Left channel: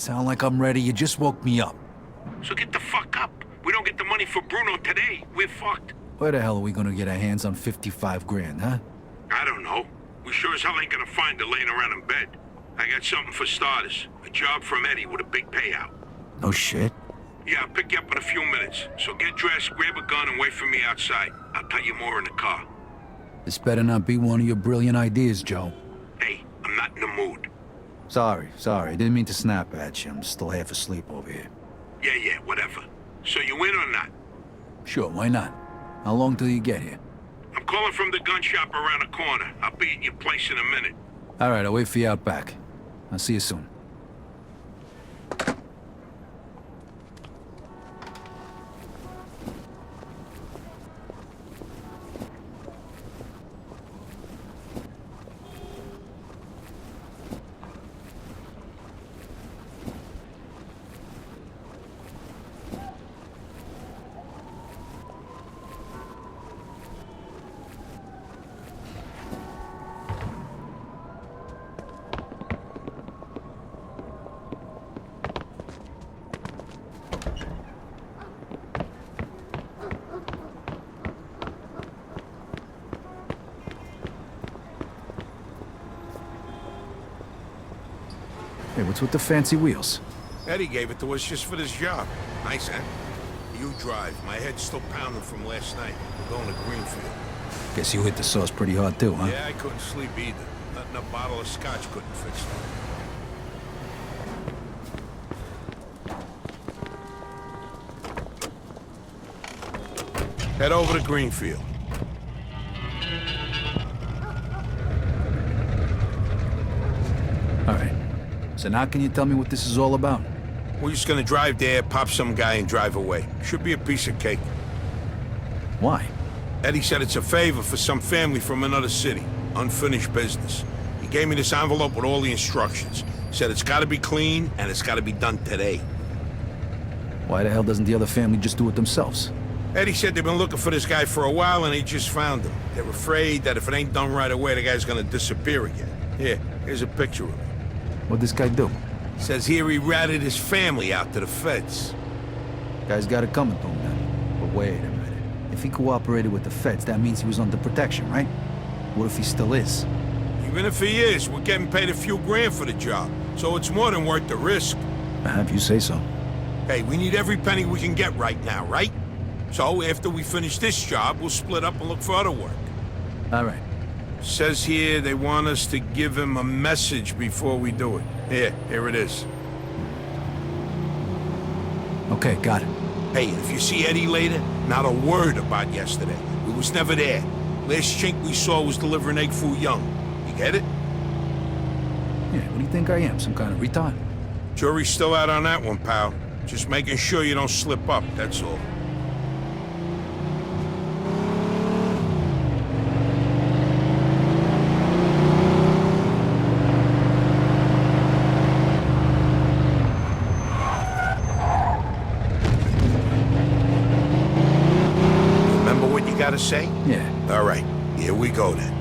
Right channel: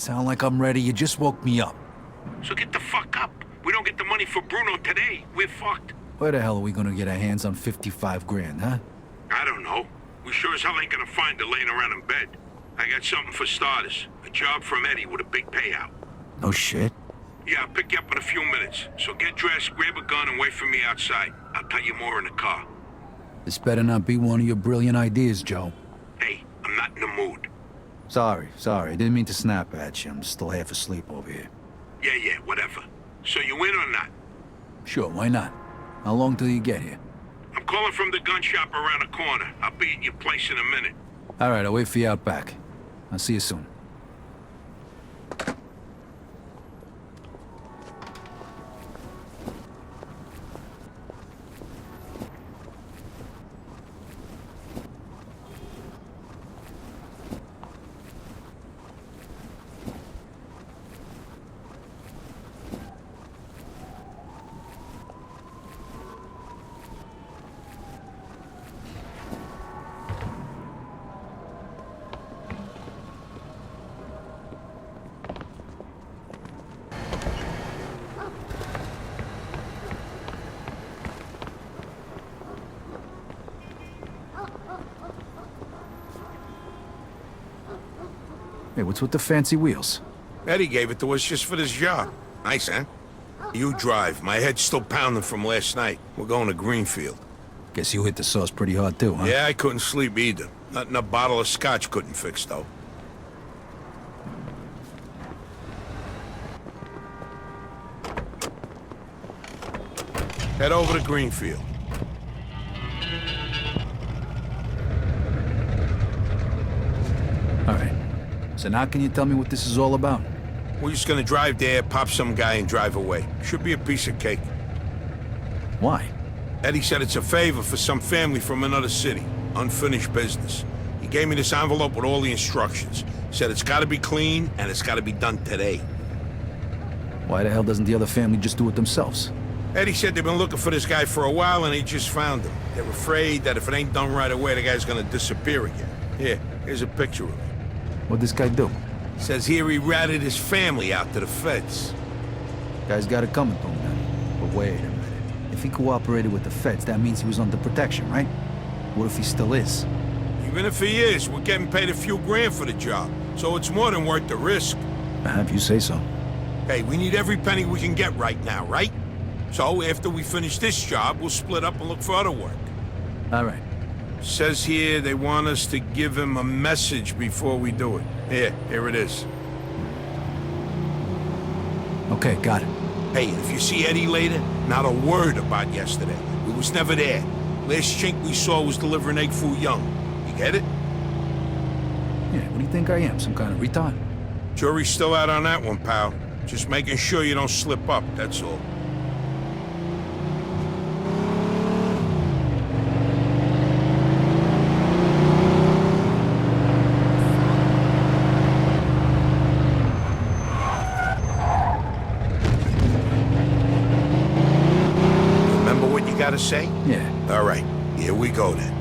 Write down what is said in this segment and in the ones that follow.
Sound like I'm ready? You just woke me up. So get the fuck up. We don't get the money for Bruno today, we're fucked. Where the hell are we gonna get our hands on 55 grand, huh? I don't know. We sure as hell ain't gonna find it laying around in bed. I got something for starters. A job from Eddie with a big payout. No shit. Yeah, I'll pick you up in a few minutes. So get dressed, grab a gun, and wait for me outside. I'll tell you more in the car. This better not be one of your brilliant ideas, Joe. Hey, I'm not in the mood. Sorry. Didn't mean to snap at you. I'm still half asleep over here. Yeah, whatever. So you in or not? Sure, why not? How long till you get here? I'm calling from the gun shop around the corner. I'll be at your place in a minute. All right, I'll wait for you out back. I'll see you soon. Hey, what's with the fancy wheels? Eddie gave it to us just for this job. Nice, huh? You drive. My head's still pounding from last night. We're going to Greenfield. Guess you hit the sauce pretty hard too, huh? Yeah, I couldn't sleep either. Nothing a bottle of scotch couldn't fix, though. Head over to Greenfield. All right. So now can you tell me what this is all about? We're just gonna drive there, pop some guy, and drive away. Should be a piece of cake. Why? Eddie said it's a favor for some family from another city. Unfinished business. He gave me this envelope with all the instructions. Said it's gotta be clean, and it's gotta be done today. Why the hell doesn't the other family just do it themselves? Eddie said they've been looking for this guy for a while, and they just found him. They're afraid that if it ain't done right away, the guy's gonna disappear again. Here's a picture of him. What'd this guy do? Says here he ratted his family out to the feds. Guy's got it coming to him then. But wait a minute. If he cooperated with the feds, that means he was under protection, right? What if he still is? Even if he is, we're getting paid a few grand for the job. So it's more than worth the risk. If you say so. Hey, we need every penny we can get right now, right? So after we finish this job, we'll split up and look for other work. All right. Says here they want us to give him a message before we do it. Here it is. Okay, got it. Hey, if you see Eddie later, not a word about yesterday. We was never there. Last chink we saw was delivering egg foo young. You get it? Yeah, what do you think I am, some kind of retard? Jury's still out on that one, pal. Just making sure you don't slip up, that's all. Gotta say? Yeah. All right, here we go then.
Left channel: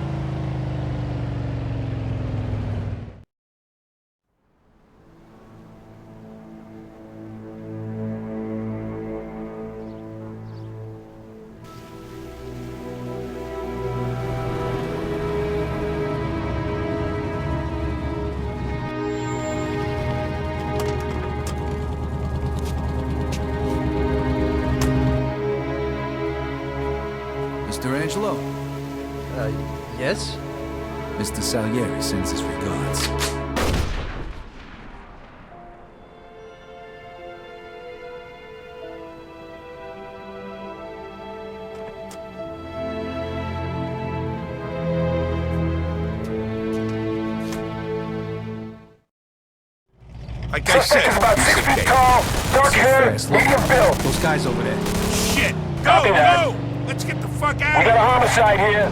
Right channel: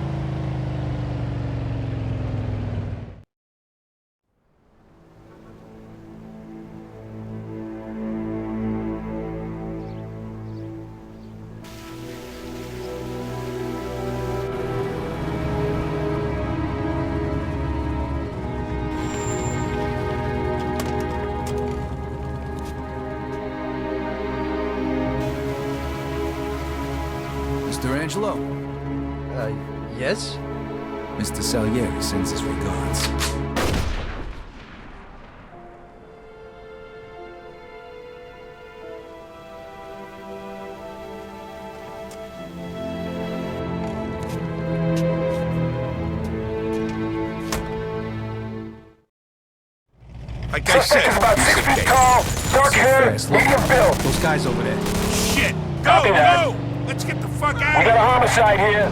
Mr. Angelo? Yes? Mr. Salieri sends his regards. Like I said, about 6 feet tall, dark hair, medium build. Those guys over there. Shit! Copy that. Go! Let's get the fuck out We of got a here! homicide here.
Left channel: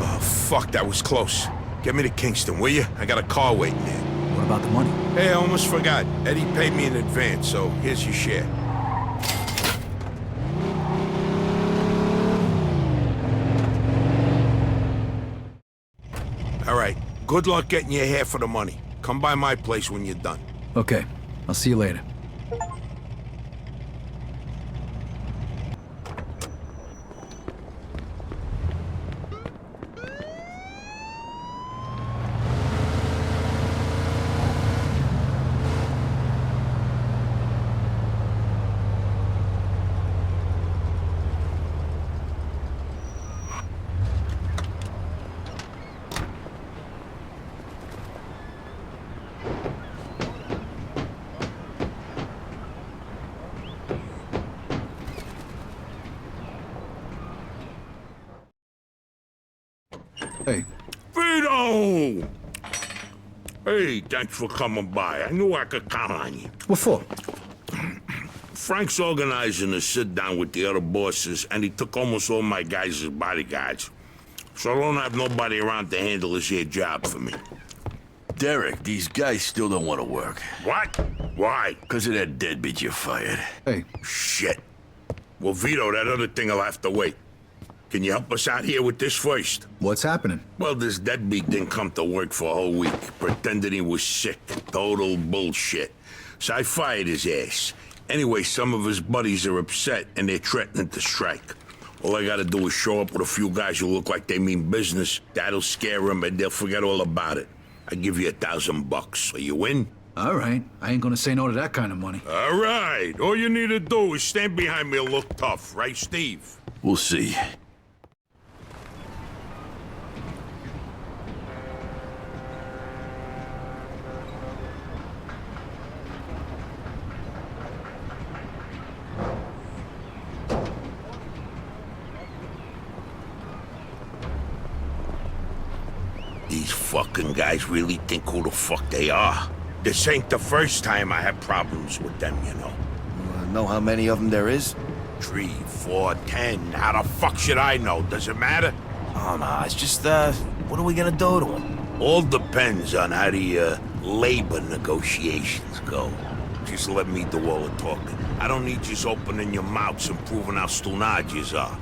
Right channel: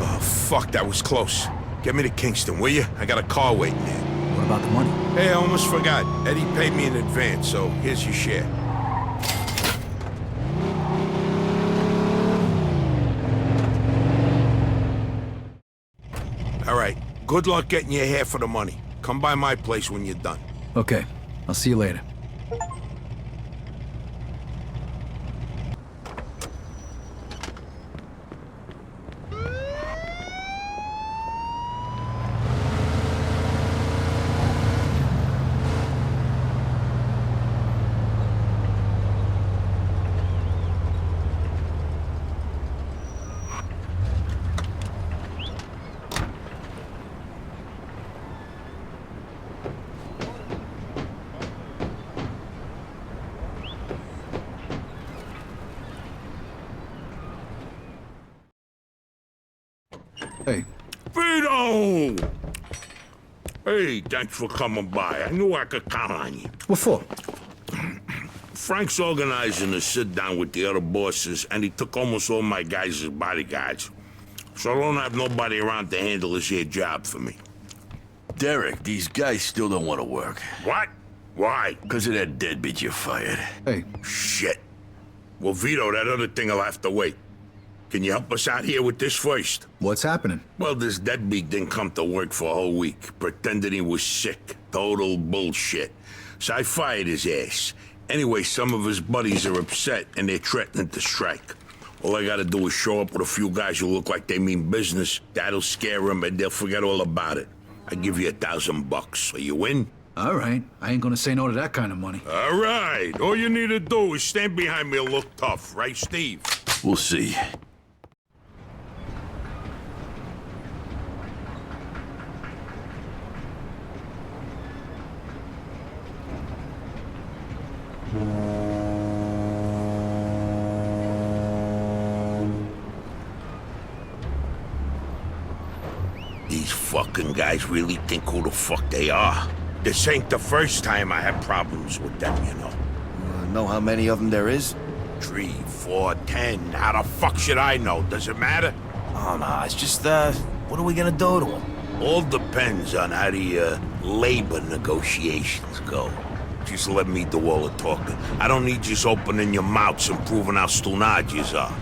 Oh, fuck, that was close. Get me to Kingston, will you? I got a car waiting there. What about the money? Hey, I almost forgot. Eddie paid me in advance, so here's your share. All right, Good luck getting your half of the money. Come by my place when you're done. Okay, I'll see you later. Hey. Vito! Hey, thanks for coming by. I knew I could count on you. What for? Frank's organizing a sit-down with the other bosses, and he took almost all my guys as bodyguards. So I don't have nobody around to handle this here job for me. Derek, these guys still don't want to work. What? Why? Because of that deadbeat you fired. Hey. Shit. Well, Vito, that other thing will have to wait. Can you help us out here with this first? What's happening? Well, this deadbeat didn't come to work for a whole week, pretending he was sick. Total bullshit. So I fired his ass. Anyway, some of his buddies are upset, and they're threatening to strike. All I gotta do is show up with a few guys who look like they mean business. That'll scare them, and they'll forget all about it. I give you $1,000. Are you in? All right. I ain't gonna say no to that kind of money. All right. All you need to do is stand behind me and look tough, right, Steve? We'll see. These fucking guys really think who the fuck they are. This ain't the first time I had problems with them, you know. Know how many of them there is? 3, 4, 10. How the fuck should I know? Does it matter? Oh, no, it's just, what are we gonna do to them? All depends on how the, labor negotiations go. Just let me do all the talking. I don't need you opening your mouths and proving how stunad yous are.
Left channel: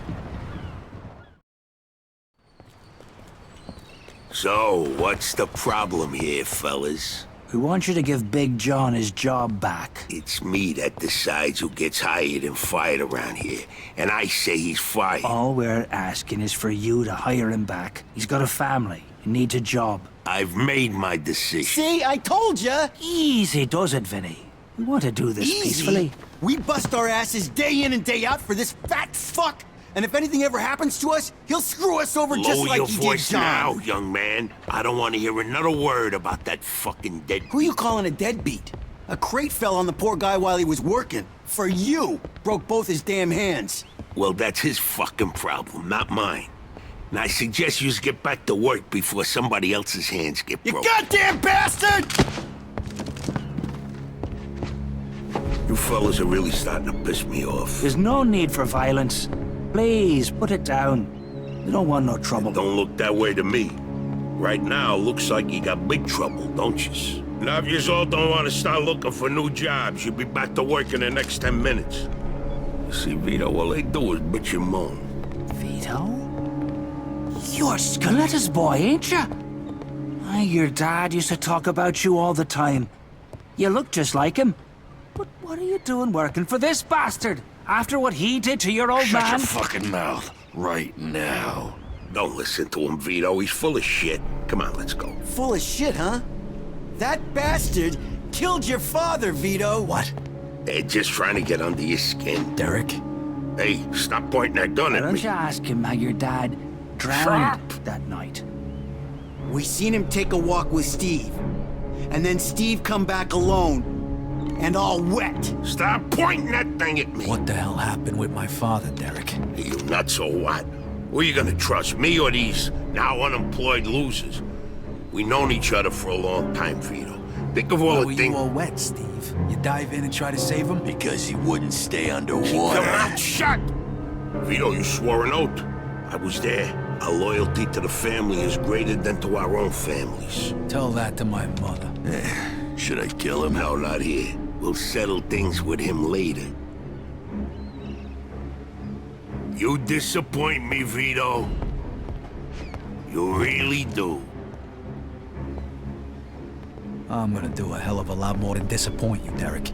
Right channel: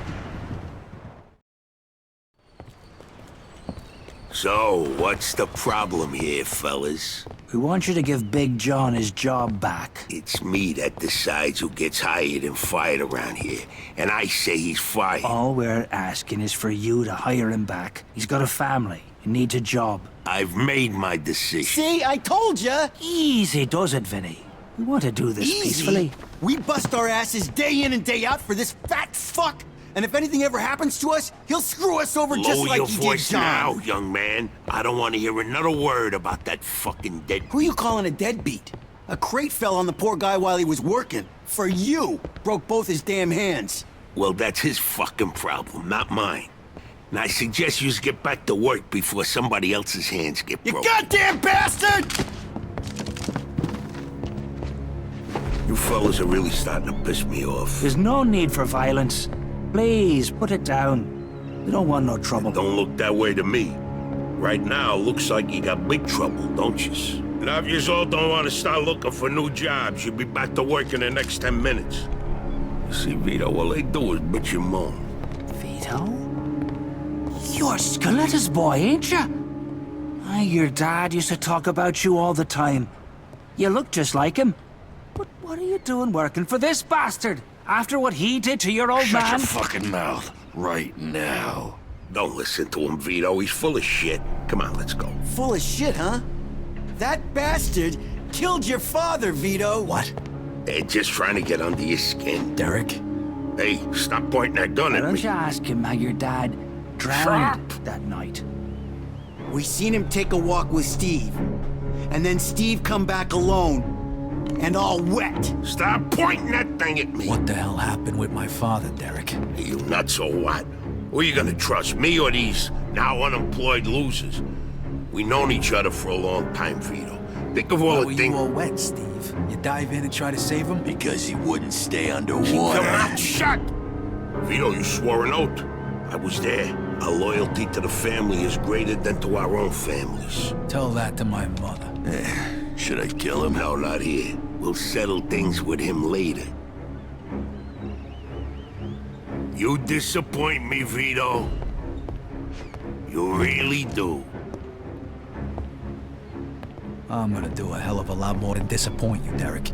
So, what's the problem here, fellas? We want you to give Big John his job back. It's me that decides who gets hired and fired around here, and I say he's fired. All we're asking is for you to hire him back. He's got a family. He needs a job. I've made my decision. See, I told ya! Easy does it, Vinny. We want to do this peacefully. We bust our asses day in and day out for this fat fuck, and if anything ever happens to us, he'll screw us over just Lower like your he did voice John. now, young man. I don't want to hear another word about that fucking dead. Who you calling a deadbeat? A crate fell on the poor guy while he was working. For you. Broke both his damn hands. Well, that's his fucking problem, not mine. And I suggest you get back to work before somebody else's hands get You broken. goddamn bastard! You fellas are really starting to piss me off. There's no need for violence. Please, put it down. We don't want no trouble. Don't look that way to me. Right now, looks like you got big trouble, don't you? Now, if you all don't want to start looking for new jobs, you'll be back to work in the next 10 minutes. You see, Vito, all they do is bitch and moan. Vito? You're Scoletta's boy, ain't you? Your dad used to talk about you all the time. You look just like him. But what are you doing working for this bastard? After what he did to your old man? Shut your fucking mouth right now. Don't listen to him, Vito. He's full of shit. Come on, let's go. Full of shit, huh? That bastard killed your father, Vito. What? They're just trying to get under your skin. Derek? Hey, stop pointing that gun Why at don't me. you ask him how your dad drowned that night? We seen him take a walk with Steve. And then Steve come back alone. And all wet. Stop pointing that thing at me. What the hell happened with my father, Derek? Are you nuts or what? Who are you gonna trust, me or these now unemployed losers? We known each other for a long time, Vito. Think of all the things... you all wet, Steve? You dive in and try to save him? Because he wouldn't stay underwater. Come out, shut! Vito, you swore an oath. I was there. Our loyalty to the family is greater than to our own families. Tell that to my mother. Should I kill him? No, not here. We'll settle things with him later. You disappoint me, Vito. You really do. I'm gonna do a hell of a lot more than disappoint you, Derek.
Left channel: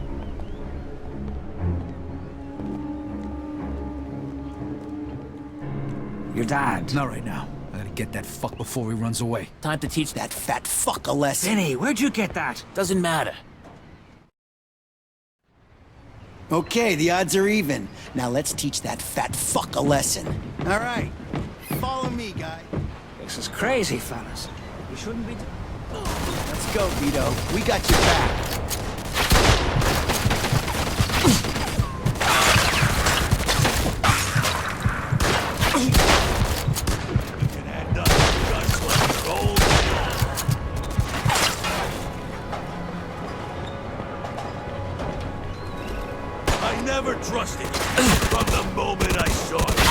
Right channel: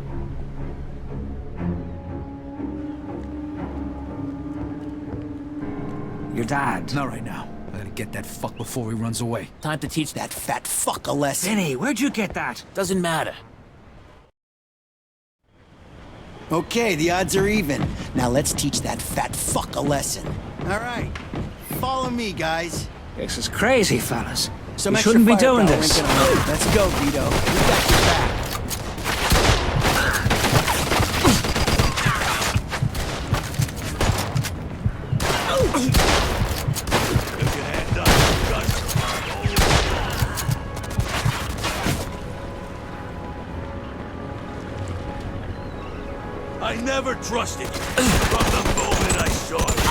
Your dad. Not right now. I gotta get that fuck before he runs away. Time to teach that fat fuck a lesson. Vinny, where'd you get that? Doesn't matter. Okay, the odds are even. Now let's teach that fat fuck a lesson. All right, follow me, guys. This is crazy, fellas. Some You extra shouldn't be doing firepower this. into the road. Let's go, Vito. We got your back. I never trusted you from the moment I saw you.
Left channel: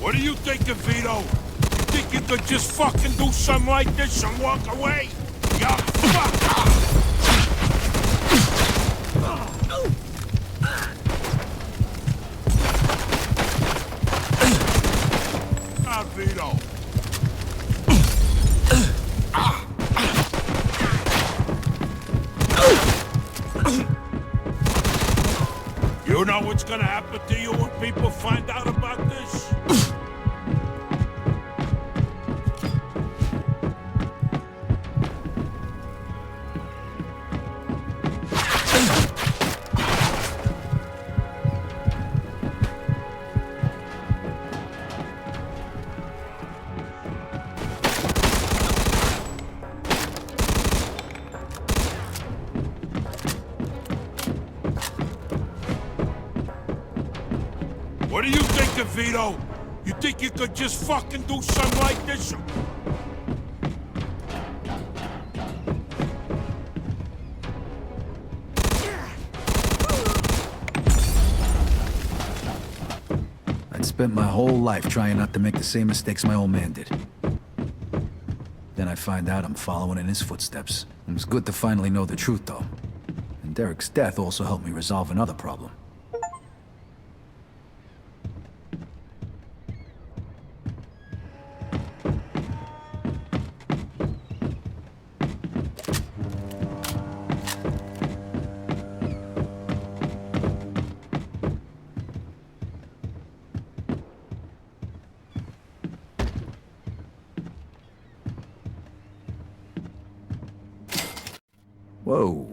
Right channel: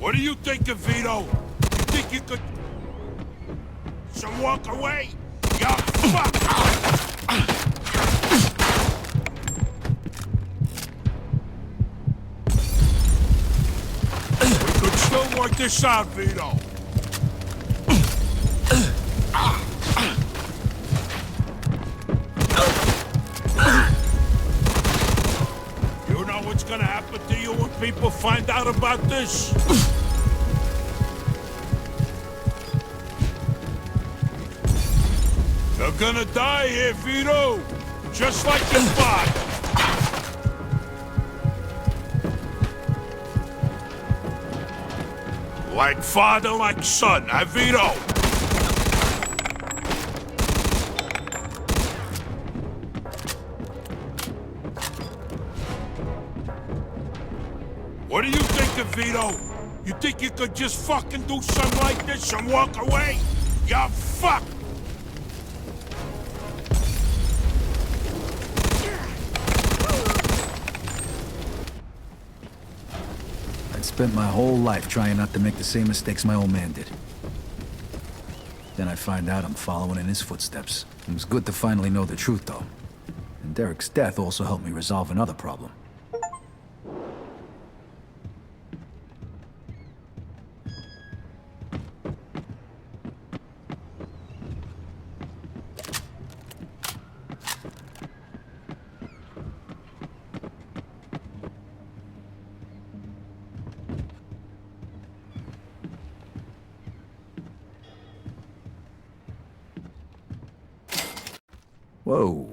What do you think of Vito? You think you could just fucking do something like this and walk away? Ya fuck! Don't work this out, Vito. You know what's gonna happen to you when people find out about this? You're gonna die here, Vito! Just like your father! Like father, like son, huh, Vito? What do you think of Vito? You think you could just fucking do something like this and walk away? Ya fuck! I'd spent my whole life trying not to make the same mistakes my old man did. Then I find out I'm following in his footsteps. It was good to finally know the truth, though. And Derek's death also helped me resolve another problem. Whoa.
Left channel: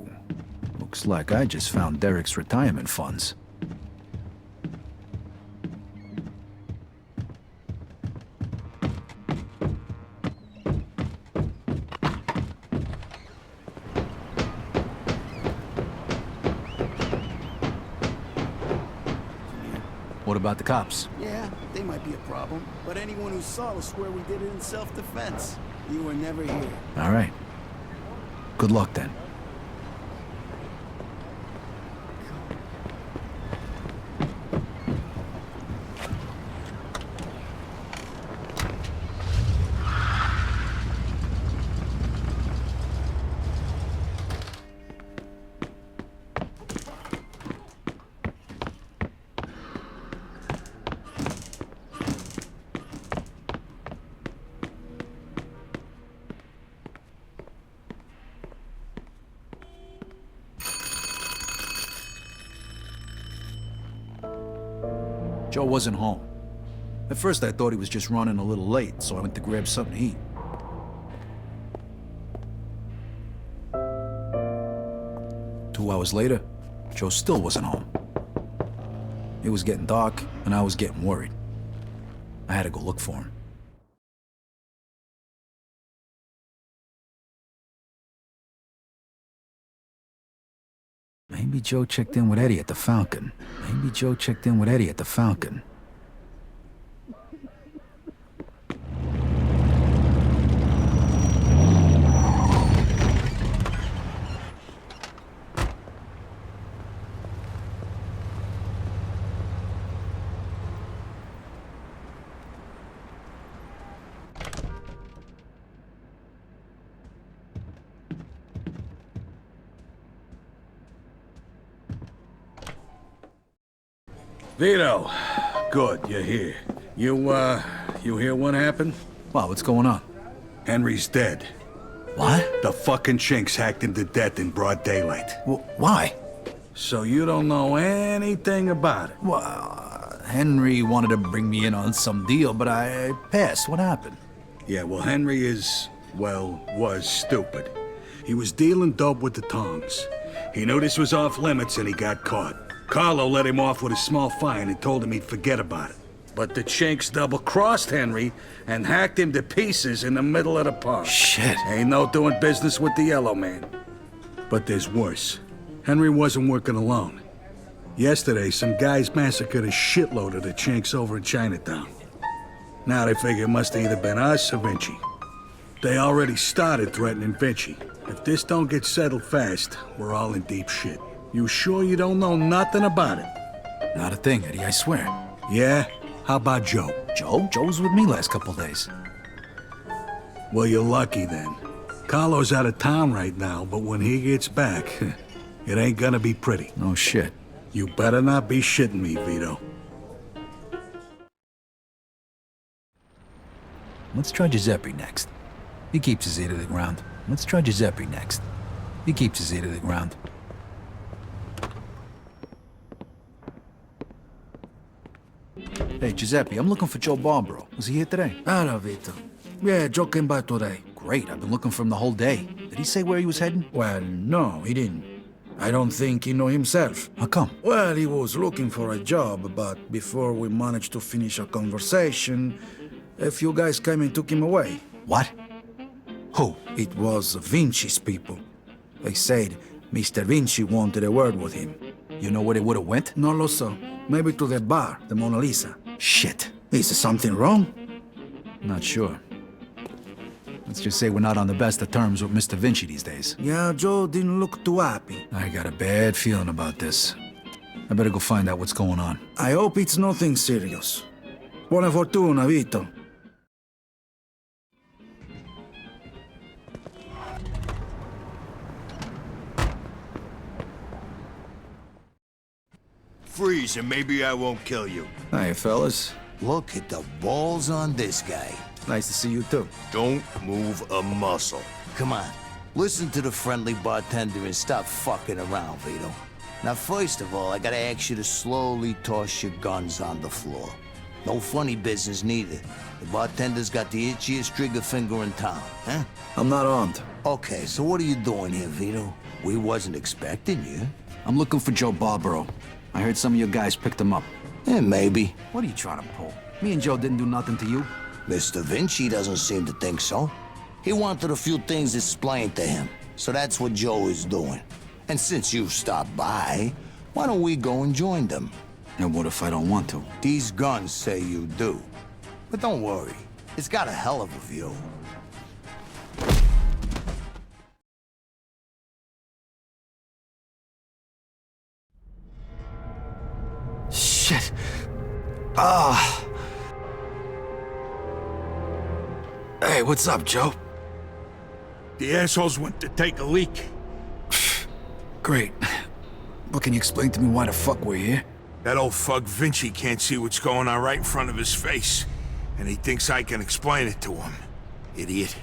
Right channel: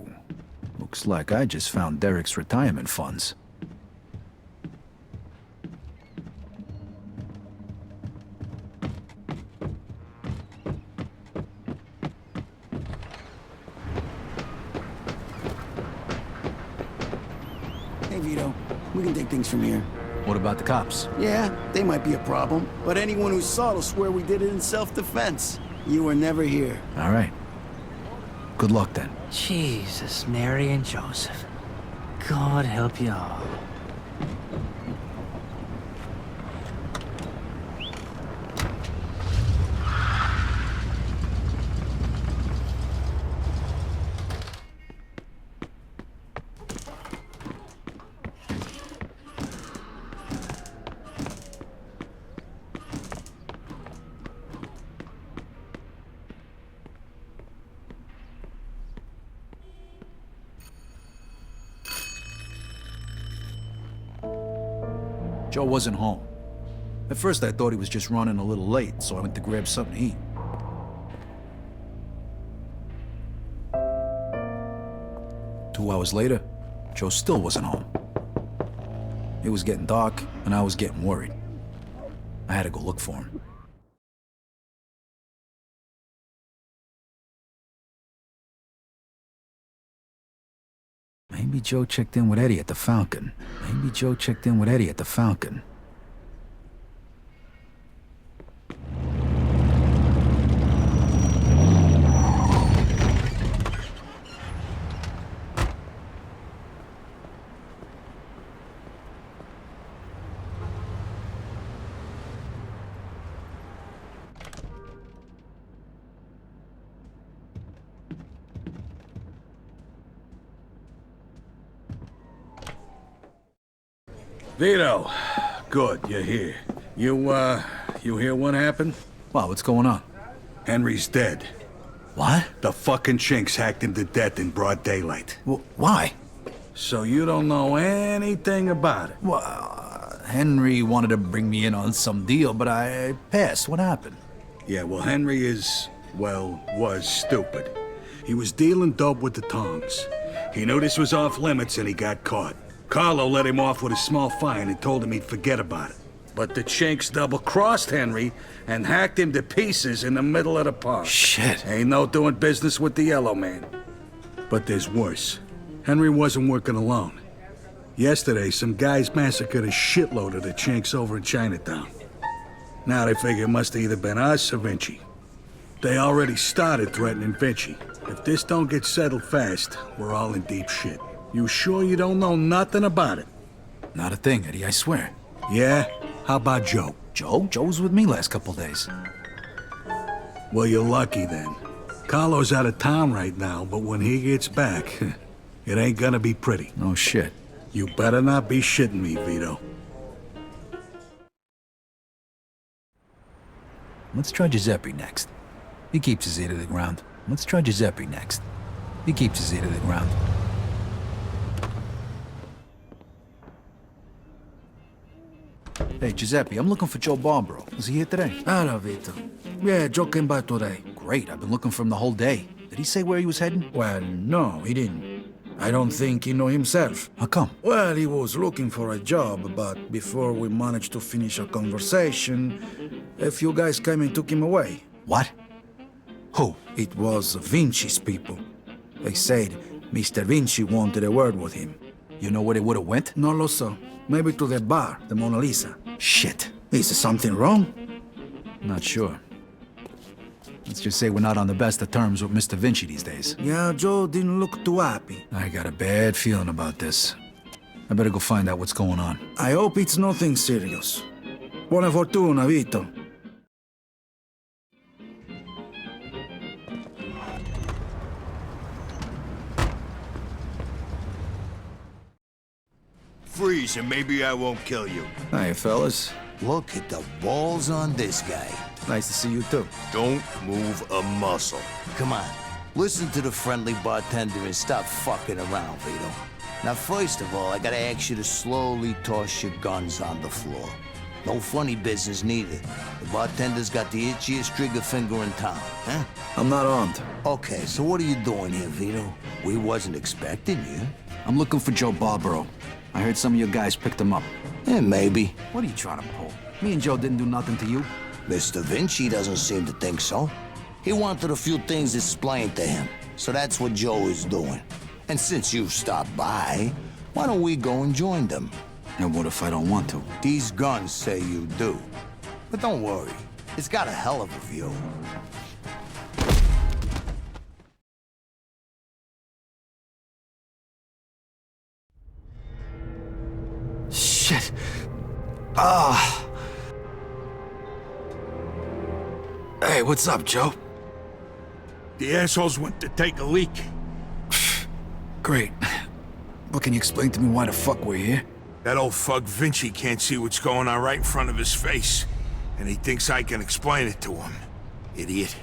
Looks like I just found Derek's retirement funds. Hey, Vito, we can take things from here. What about the cops? Yeah, they might be a problem, but anyone who saw will swear we did it in self-defense. You were never here. All right. Good luck, then. Jesus, Mary and Joseph. God help you all. Joe wasn't home. At first I thought he was just running a little late, so I went to grab something to eat. Two hours later, Joe still wasn't home. It was getting dark, and I was getting worried. I had to go look for him. Maybe Maybe Joe checked in with Eddie at the Falcon. Maybe Joe checked in with Eddie at the Falcon. Vito, good, you're here. You hear what happened? Wow, what's going on? Henry's dead. What? The fucking chinks hacked him to death in broad daylight. Why? So you don't know anything about it? Well, Henry wanted to bring me in on some deal, but I passed. What happened? Yeah, well, Henry was stupid. He was dealing dope with the tongs. He knew this was off limits and he got caught. Carlo let him off with a small fine and told him he'd forget about it. But the chinks double-crossed Henry and hacked him to pieces in the middle of the park. Shit. Ain't no doing business with the Yellow Man. But there's worse. Henry wasn't working alone. Yesterday, some guys massacred a shitload of the chinks over in Chinatown. Now they figure it must have either been us or Vinci. They already started threatening Vinci. If this don't get settled fast, we're all in deep shit. You sure you don't know nothing about it? Not a thing, Eddie, I swear. Yeah? How about Joe? Joe? Joe was with me last couple days. Well, you're lucky then. Carlo's out of town right now, but when he gets back, it ain't gonna be pretty. No shit. You better not be shitting me, Vito. Let's try Giuseppe next. He keeps his ear to the ground. Let's try Giuseppe next. He keeps his ear to the ground. Hey, Giuseppe, I'm looking for Joe Barbaro. Is he here today? Hello, Vito. Yeah, Joe came by today. Great, I've been looking for him the whole day. Did he say where he was heading? Well, no, he didn't. I don't think he know himself. How come? Well, he was looking for a job, but before we managed to finish our conversation, a few guys came and took him away. What? Who? It was Vinci's people. They said Mr. Vinci wanted a word with him. You know where they would have went? No lo so. Maybe to the bar, the Mona Lisa. Shit. Is something wrong? Not sure. Let's just say we're not on the best of terms with Mr. Vinci these days. Yeah, Joe didn't look too happy. I got a bad feeling about this. I better go find out what's going on. I hope it's nothing serious. Buona fortuna, Vito. Freeze and maybe I won't kill you. Hey, fellas. Look at the balls on this guy. Nice to see you, too. Don't move a muscle. Come on, listen to the friendly bartender and stop fucking around, Vito. Now, first of all, I gotta ask you to slowly toss your guns on the floor. No funny business neither. The bartender's got the itchiest trigger finger in town, huh? I'm not armed. Okay, so what are you doing here, Vito? We wasn't expecting you. I'm looking for Joe Barbaro. I heard some of your guys picked him up. Yeah, maybe. What are you trying to pull? Me and Joe didn't do nothing to you. Mr. Vinci doesn't seem to think so. He wanted a few things explained to him, so that's what Joe is doing. And since you've stopped by, why don't we go and join them? And what if I don't want to? These guns say you do. But don't worry, it's got a hell of a view. Shit. Ah. Hey, what's up, Joe? The assholes went to take a leak. Great. But can you explain to me why the fuck we're here? That old fuck Vinci can't see what's going on right in front of his face. And he thinks I can explain it to him. Idiot.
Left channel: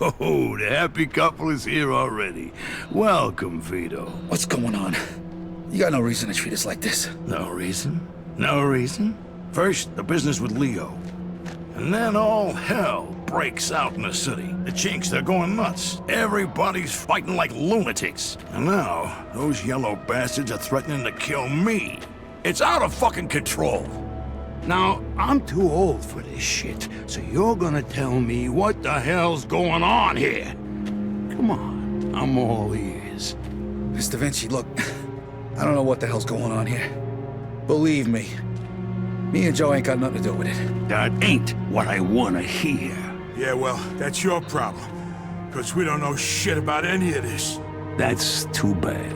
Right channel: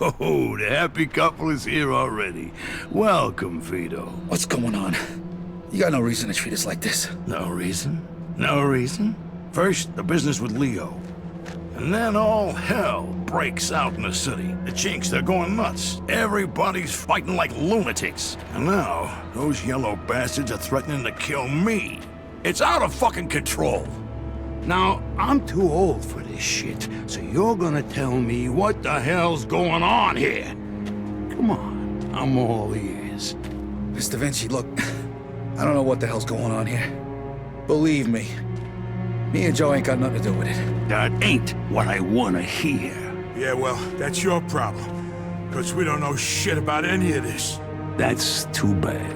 Oh, the happy couple is here already. Welcome, Vito. What's going on? You got no reason to treat us like this. No reason? No reason? First, the business with Leo. And then all hell breaks out in the city. The chinks, they're going nuts. Everybody's fighting like lunatics. And now, those yellow bastards are threatening to kill me. It's out of fucking control. Now, I'm too old for this shit, so you're gonna tell me what the hell's going on here. Come on, I'm all ears. Mr. Vinci, look, I don't know what the hell's going on here. Believe me, me and Joe ain't got nothing to do with it. That ain't what I wanna hear. Yeah, well, that's your problem. Because we don't know shit about any of this. That's too bad.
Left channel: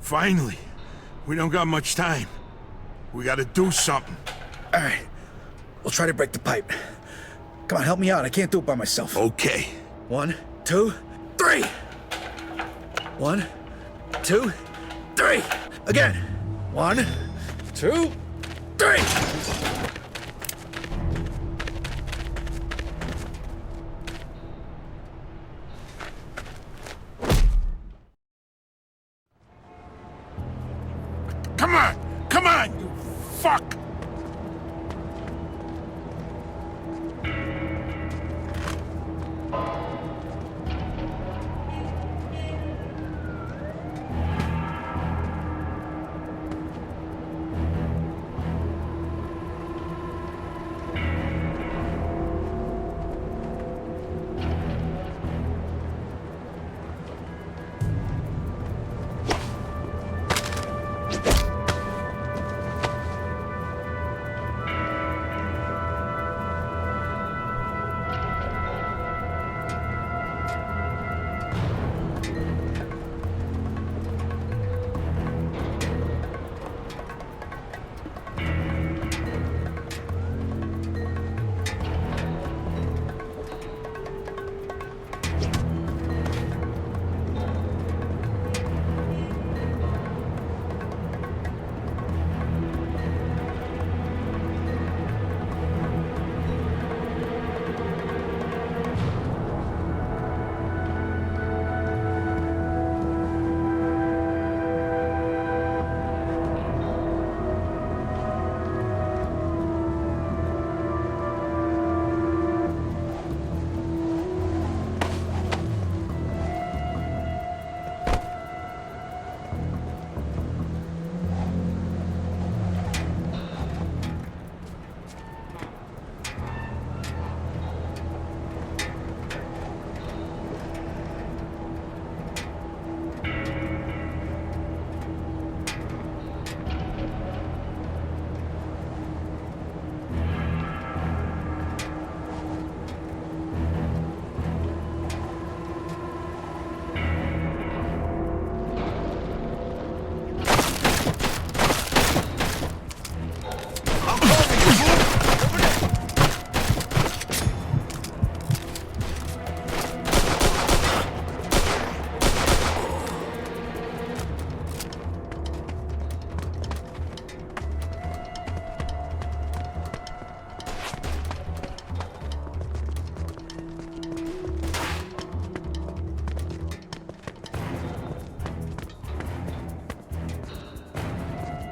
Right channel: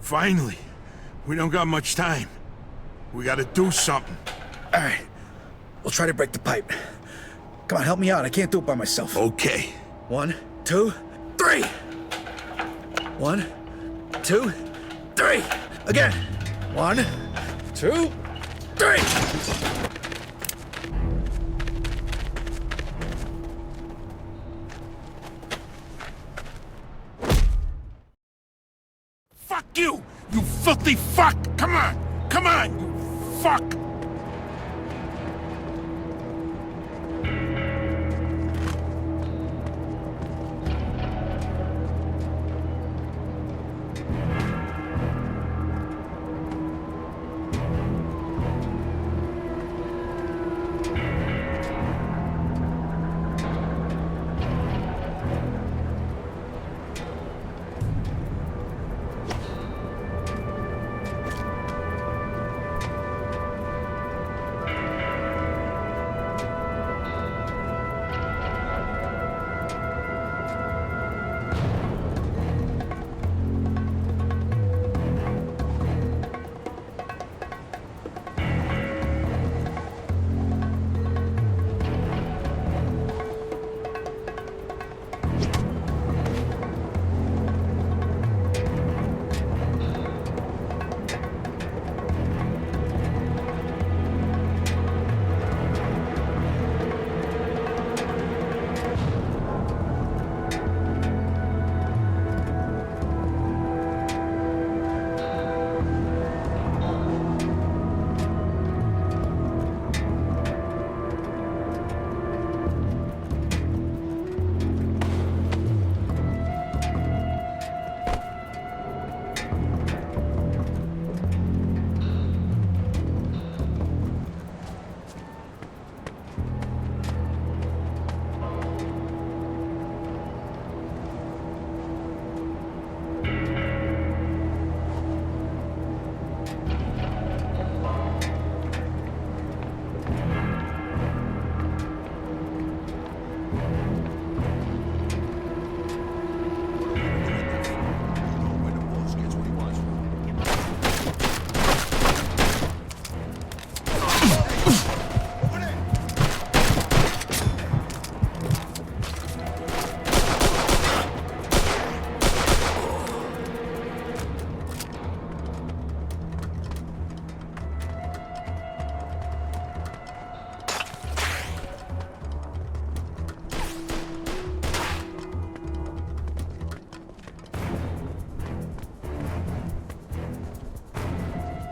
Finally. We don't got much time. We gotta do something. All right, we'll try to break the pipe. Come on, help me out. I can't do it by myself. Okay. 1, 2, 3. 1, 2, 3. Again. 1, 2, 3. Fuck you! You filthy fuck! Come on! Come on, you fuck!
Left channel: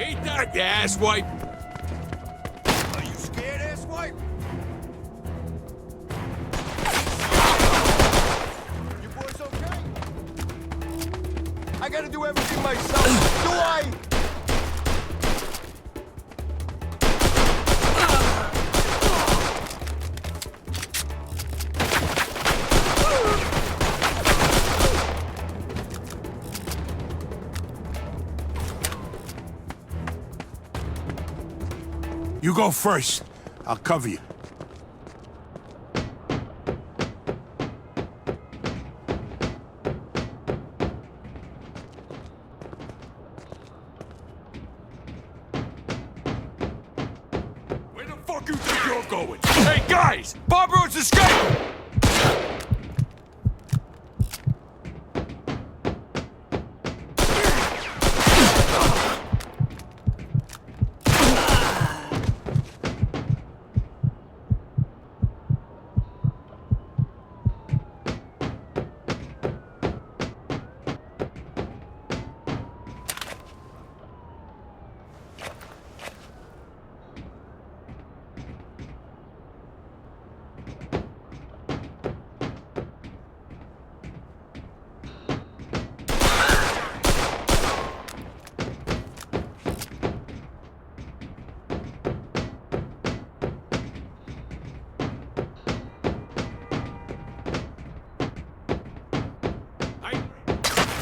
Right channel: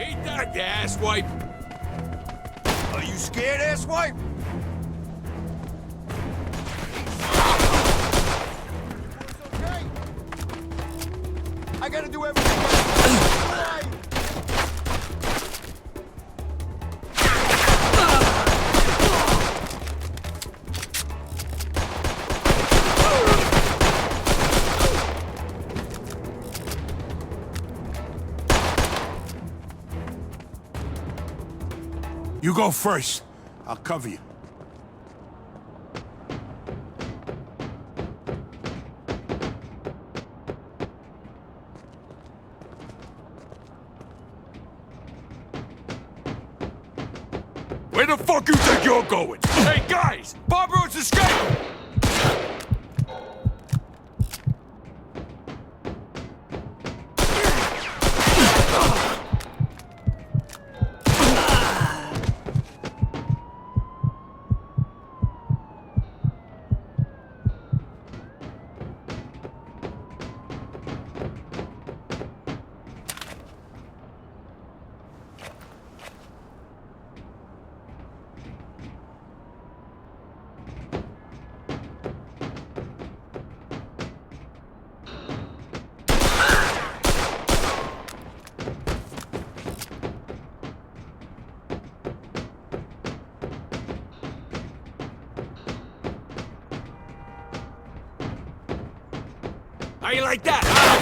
Ain't that, you asswipe? Are you scared, asswipe? Your boy's okay. I gotta do everything myself. Do I? You go first. I'll cover you. Where the fuck you think you're going? Hey, guys! Bob Roach escaped! How you like that, huh?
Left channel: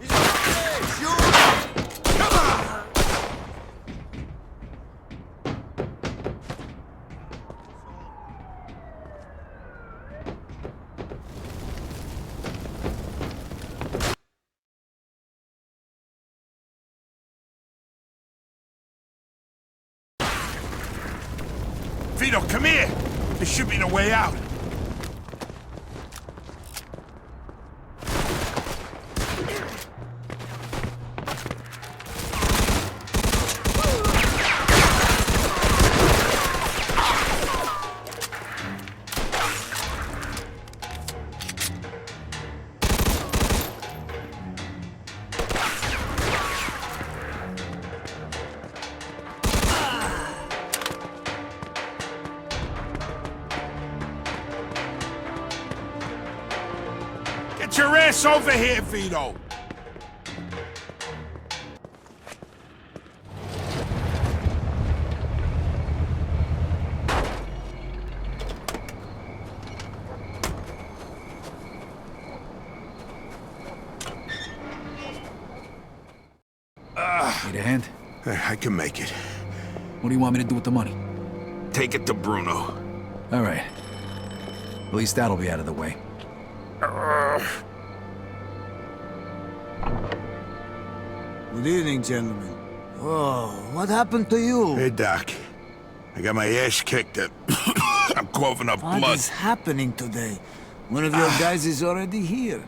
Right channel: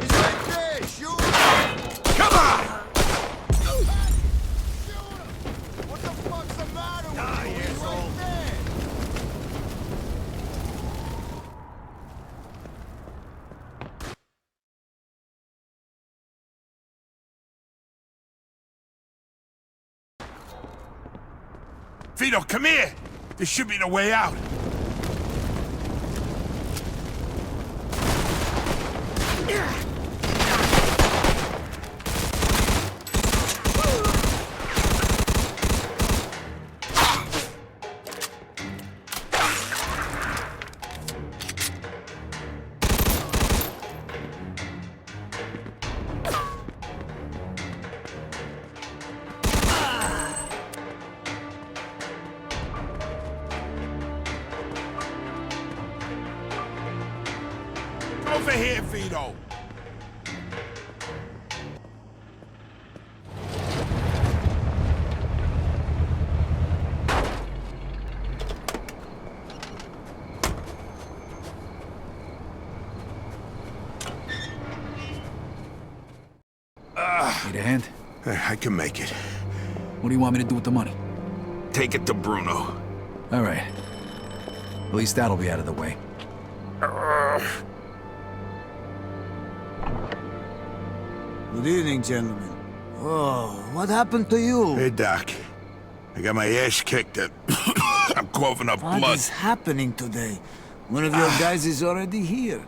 He's right there! Shoot him! Come on! What the fuck's the matter with you? He's right there! Vito, come here! This should be the way out. Get your ass over here, Vito! Need a hand? I can make it. What do you want me to do with the money? Take it to Bruno. All right. At least that'll be out of the way. Good evening, gentlemen. Oh, what happened to you? Hey, Doc. I got my ass kicked and I'm coughing up What blood. is happening today? One of your guys is already here.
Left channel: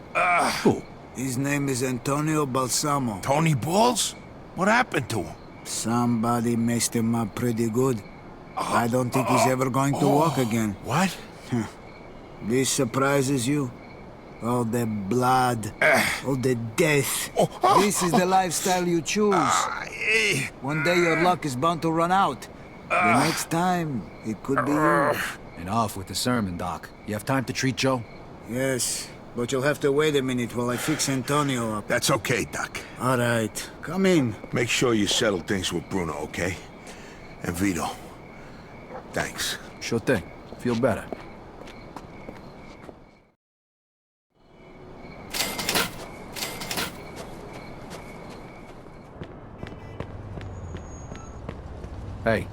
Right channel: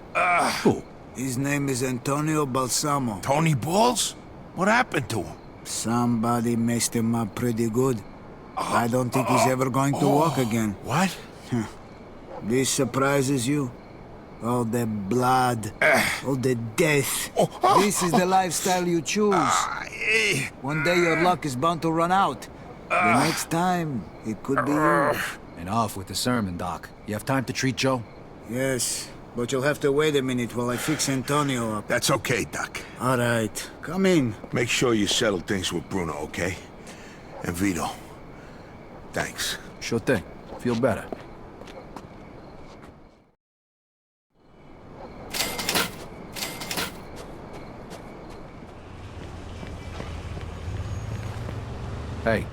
Who? His name is Antonio Balsamo. Tony Balls? What happened to him? Somebody messed him up pretty good. I don't think he's ever going to walk again. What? This surprises you? All the blood, all the death. This is the lifestyle you choose. One day your luck is bound to run out. The next time, it could be you. And off with the sermon, Doc. You have time to treat Joe? Yes, but you'll have to wait a minute while I fix Antonio up. That's okay, Doc. All right, come in. Make sure you settle things with Bruno, okay? And Vito. Thanks. Sure thing. Feel better. Hey,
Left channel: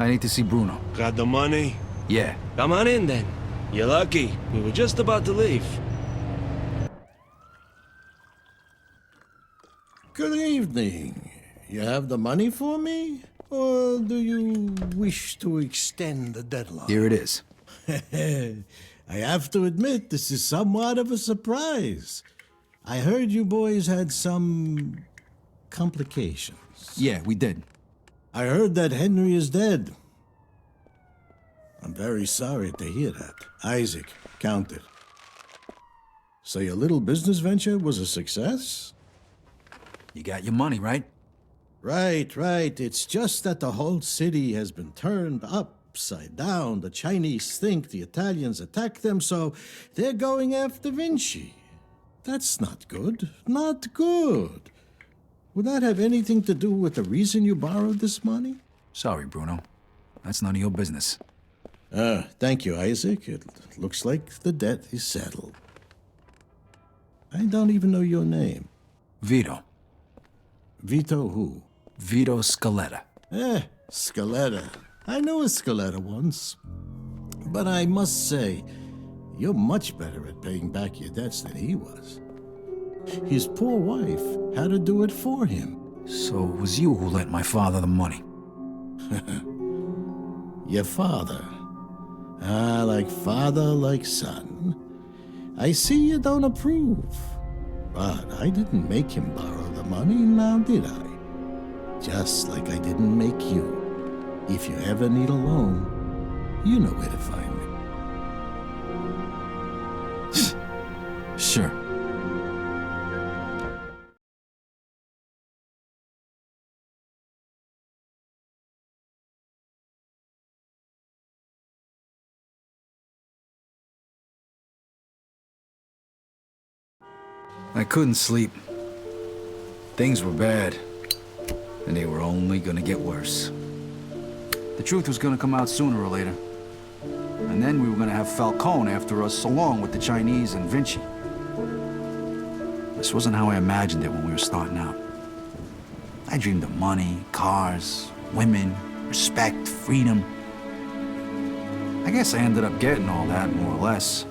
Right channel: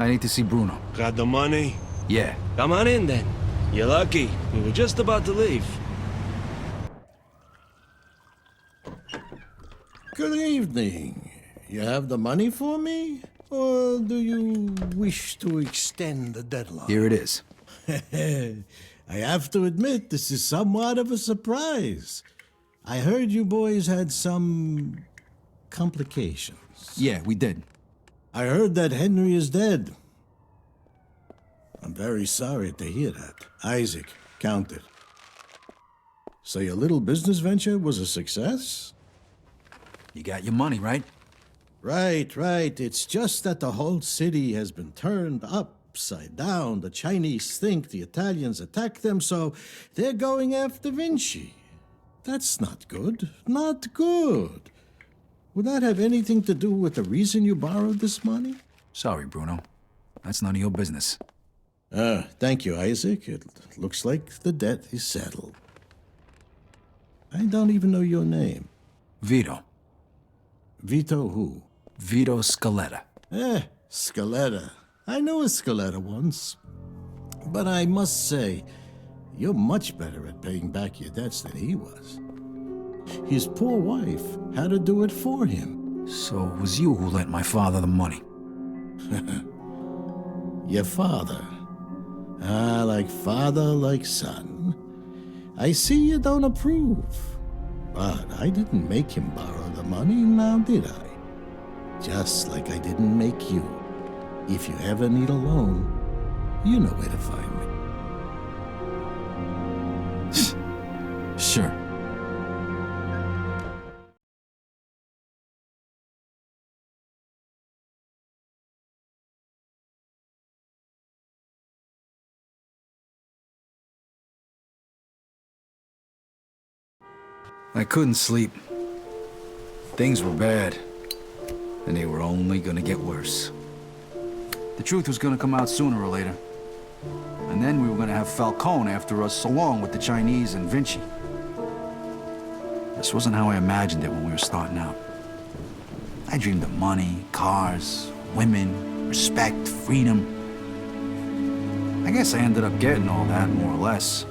I need to see Bruno. Got the money? Yeah. Come on in then. You're lucky. We were just about to leave. Good evening. You have the money for me? Or do you wish to extend the deadline? Here it is. I have to admit, this is somewhat of a surprise. I heard you boys had some complications. Yeah, we did. I heard that Henry is dead. I'm very sorry to hear that. Isaac, count it. So your little business venture was a success? You got your money, right? Right. It's just that the whole city has been turned upside down. The Chinese think the Italians attacked them, so they're going after Vinci. That's not good. Not good. Would that have anything to do with the reason you borrowed this money? Sorry, Bruno. That's none of your business. Thank you, Isaac. It looks like the debt is settled. I don't even know your name. Vito. Vito who? Vito Scaletta. Scaletta. I knew a Scaletta once. But I must say, you're much better at paying back your debts than he was. His poor wife had to do it for him. So it was you who lent my father the money? Your father. Like father, like son. I see you don't approve. But I didn't make him borrow the money, now did I? Just like I didn't make you. If you ever need a loan, you know where to find me. Sure. I couldn't sleep. Things were bad, and they were only gonna get worse. The truth was gonna come out sooner or later. And then we were gonna have Falcone after us along with the Chinese and Vinci. This wasn't how I imagined it when we were starting out. I dreamed of money, cars, women, respect, freedom. I guess I ended up getting all that, more or less.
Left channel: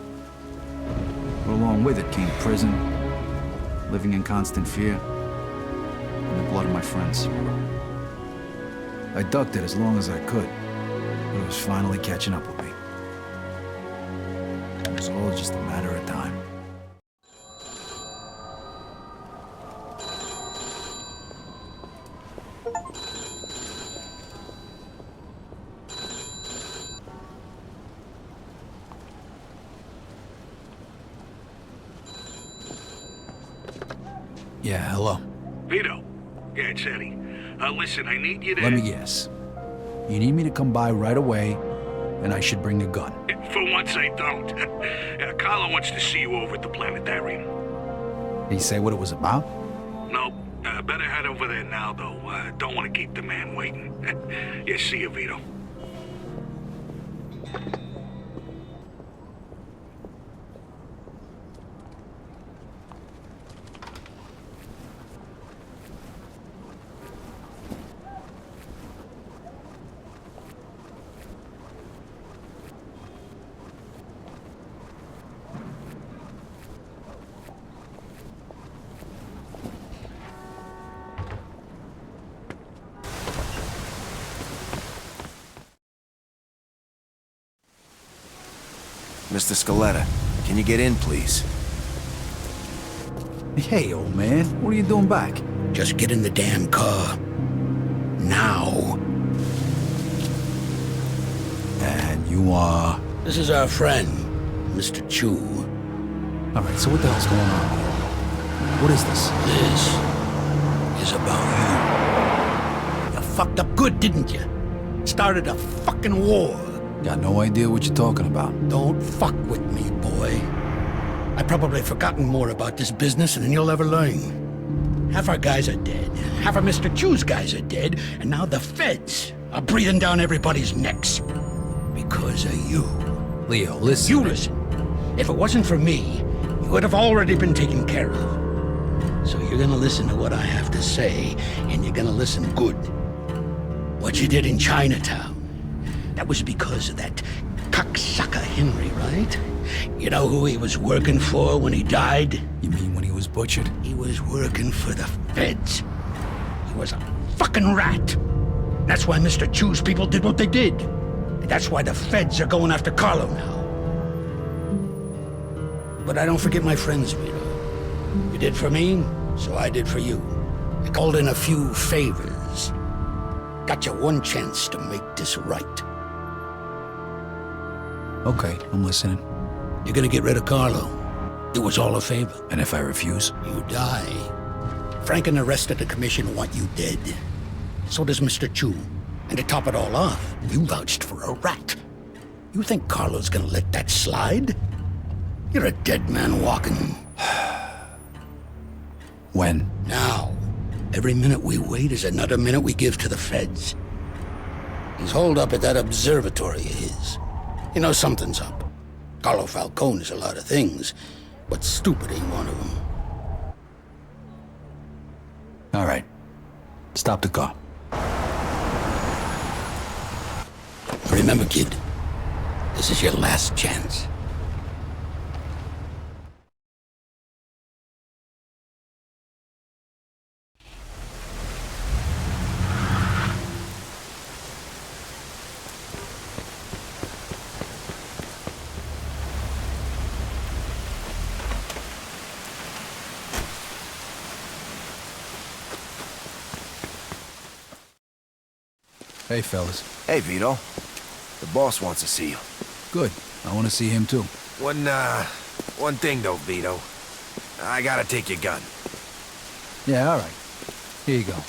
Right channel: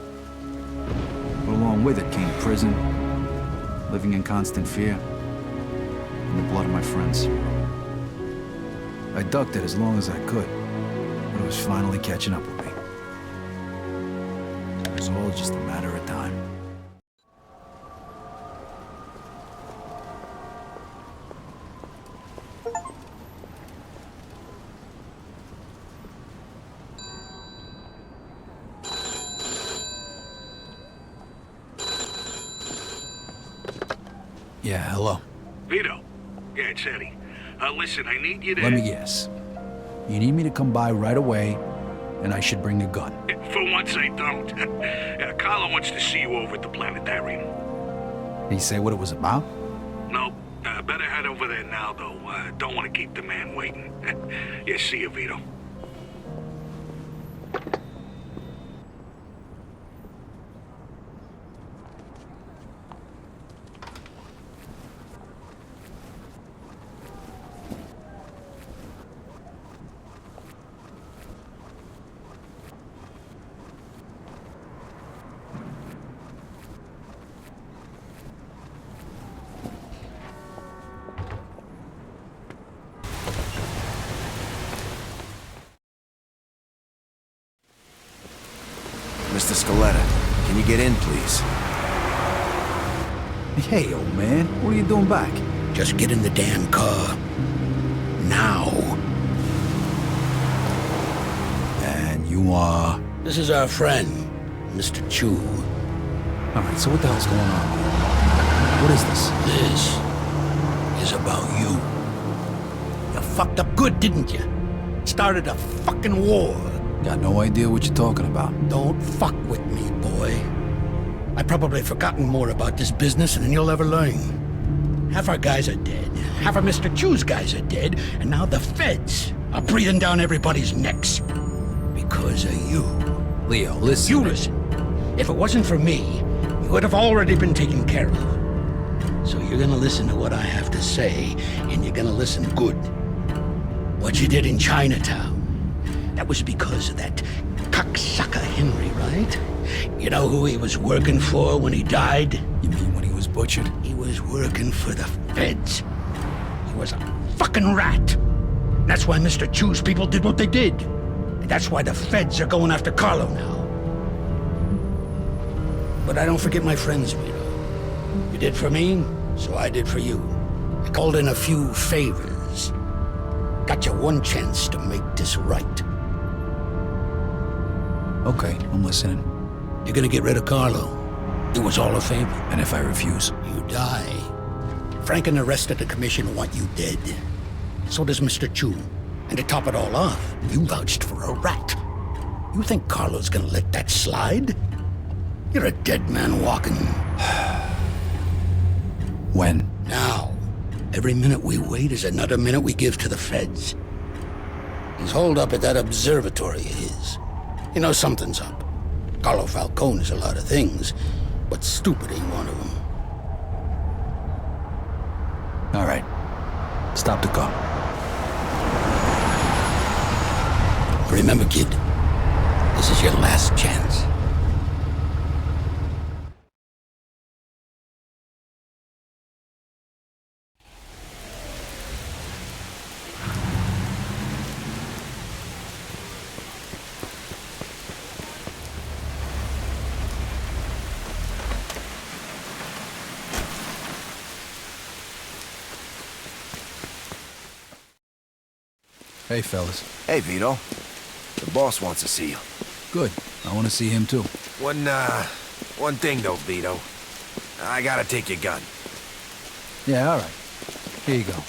But along with it came prison, living in constant fear, and the blood of my friends. I ducked it as long as I could, but it was finally catching up with me. It was all just a matter of time. Yeah, hello. Vito. Yeah, it's Eddie. Listen, I need you to... Let me guess. You need me to come by right away, and I should bring a gun. For once, I don't. Carlo wants to see you over at the planetarium. Did he say what it was about? Nope. Better head over there now, though. Don't want to keep the man waiting. Yeah, see you, Vito. Mr. Scaletta, can you get in, please? Hey, old man, what are you doing back? Just get in the damn car. Now. And you are... This is our friend, Mr. Chu. Alright, so what the hell's going on here? What is this? This is about you. You fucked up good, didn't you? Started a fucking war. Got no idea what you're talking about. Don't fuck with me, boy. I've probably forgotten more about this business than you'll ever learn. Half our guys are dead. Half of Mr. Chu's guys are dead. And now the feds are breathing down everybody's necks. Because of you. Leo, listen. You listen. If it wasn't for me, you would have already been taken care of. So you're gonna listen to what I have to say, and you're gonna listen good. What you did in Chinatown. That was because of that cocksucker Henry, right? You know who he was working for when he died? You mean when he was butchered? He was working for the feds. He was a fucking rat. That's why Mr. Chu's people did what they did. And that's why the feds are going after Carlo now. But I don't forget my friends, Vito. You did for me, so I did for you. I called in a few favors. Got you one chance to make this right. Okay, I'm listening. You're gonna get rid of Carlo. It was all a favor. And if I refuse? You die. Frank and the rest of the commission want you dead. So does Mr. Chu. And to top it all off, you vouched for a rat. You think Carlo's gonna let that slide? You're a dead man walking. When? Now. Every minute we wait is another minute we give to the feds. He's holed up at that observatory of his. You know something's up. Carlo Falcone is a lot of things, but stupid ain't one of them. All right. Stop the car. Remember, kid, this is your last chance. Hey, fellas. Hey, Vito. The boss wants to see you. Good. I want to see him, too. One thing, though, Vito. I gotta take your gun. Yeah, all right. Here you go.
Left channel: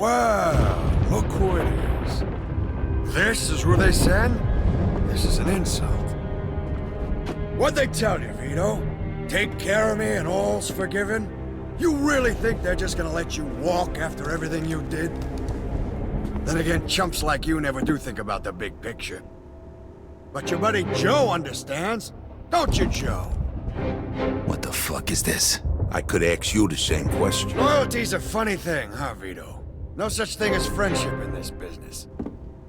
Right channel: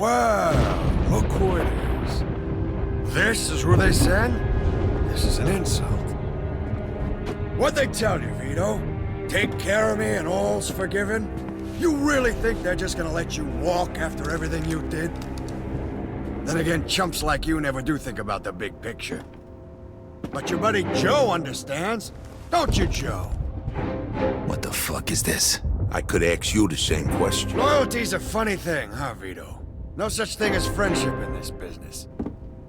Well, look who it is. This is who they send? This is an insult. What'd they tell you, Vito? Take care of me and all's forgiven? You really think they're just gonna let you walk after everything you did? Then again, chumps like you never do think about the big picture. But your buddy Joe understands. Don't you, Joe? What the fuck is this? I could ask you the same question. Loyalty's a funny thing, huh, Vito? No such thing as friendship in this business.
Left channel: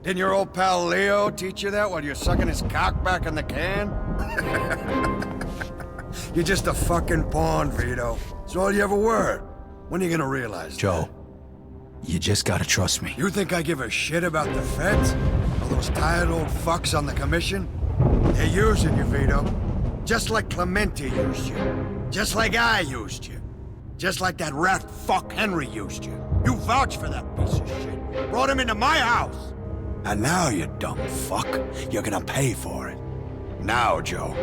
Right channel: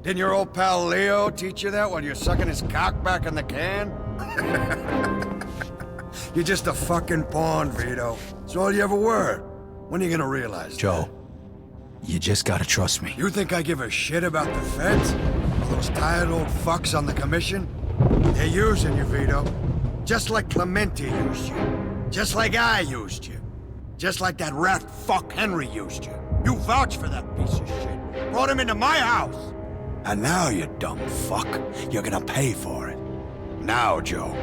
Didn't your old pal Leo teach you that while you're sucking his cock back in the can? You're just a fucking pawn, Vito. That's all you ever were. When are you gonna realize Joe, you just gotta trust me. You think I give a shit about the feds? All those tired old fucks on the commission? They're using you, Vito. Just like Clemente used you. Just like I used you. Just like that rat fuck Henry used you. You vouched for that piece of shit. Brought him into my house. And now, you dumb fuck, you're gonna pay for it. Now, Joe.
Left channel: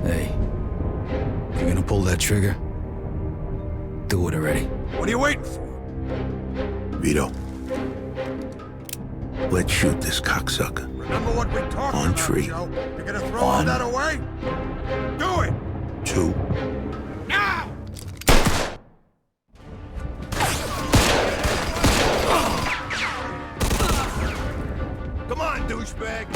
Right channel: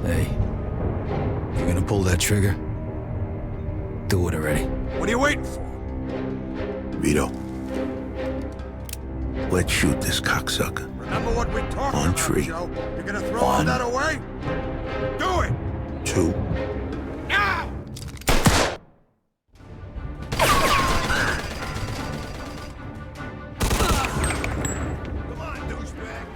Hey, if you're gonna pull that trigger, do it already. What are you waiting for? Vito, let's shoot this cocksucker. Remember what we talked On about, tree. Joe? You're gonna throw all that away? Do it! 2. Now! Come on, douchebag!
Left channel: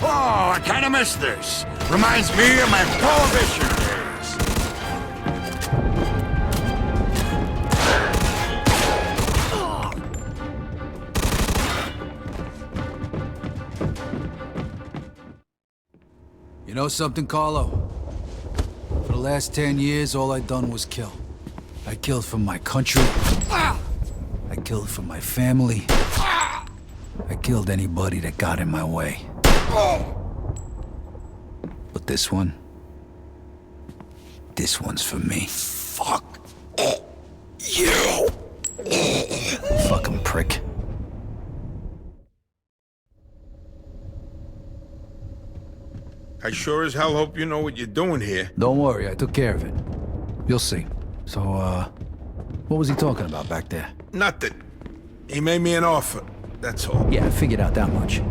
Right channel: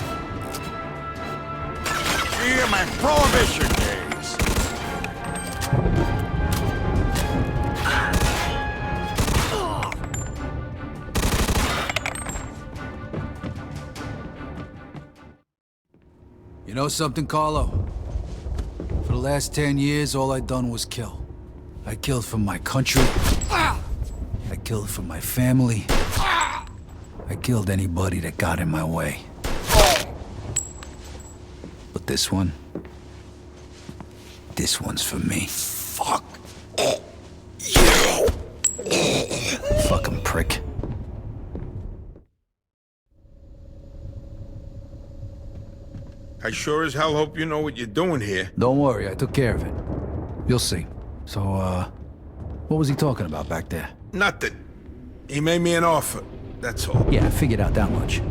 Oh, I kinda miss this. Reminds me of my Prohibition days. You know something, Carlo? For the last 10 years, all I done was kill. I killed for my country. I killed for my family. I killed anybody that got in my way. But this one's for me. Fuck you. Fucking prick. I sure as hell hope you know what you're doing here. Don't worry, I took care of it. You'll see. So, what was he talking about back there? Nothing. He made me an offer, that's all. Yeah, I figured out that much.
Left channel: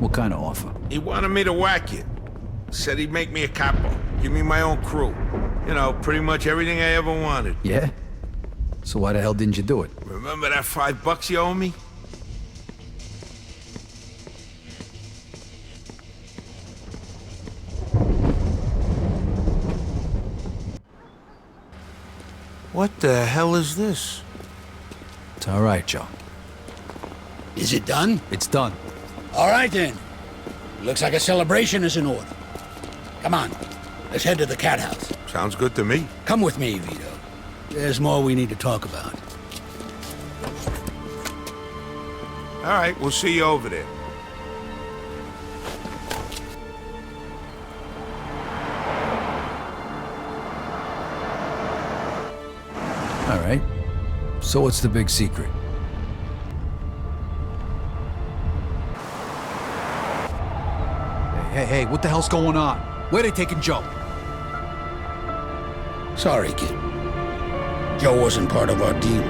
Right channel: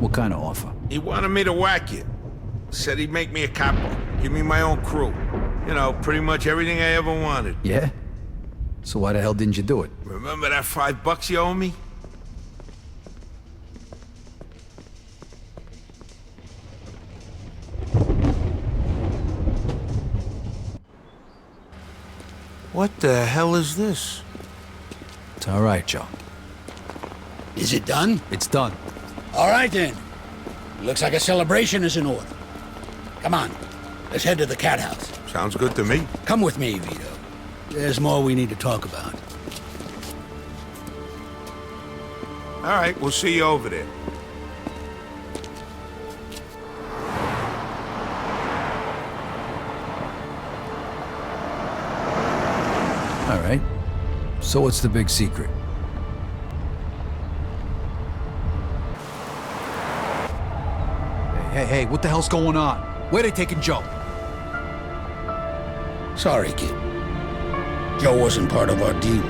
What kind of offer? He wanted me to whack you. Said he'd make me a capo, give me my own crew. You know, pretty much everything I ever wanted. Yeah? So why the hell didn't you do it? Remember that $5 you owe me? What the hell is this? It's all right, Joe. Is it done? It's done. All right, then. Looks like a celebration is in order. Come on, let's head to the cat house. Sounds good to me. Come with me, Vito. There's more we need to talk about. All right, we'll see you over there. All right. So what's the big secret? Hey, what the hell's going on? Where they taking Joe? Sorry, kid. Joe wasn't part of our deal.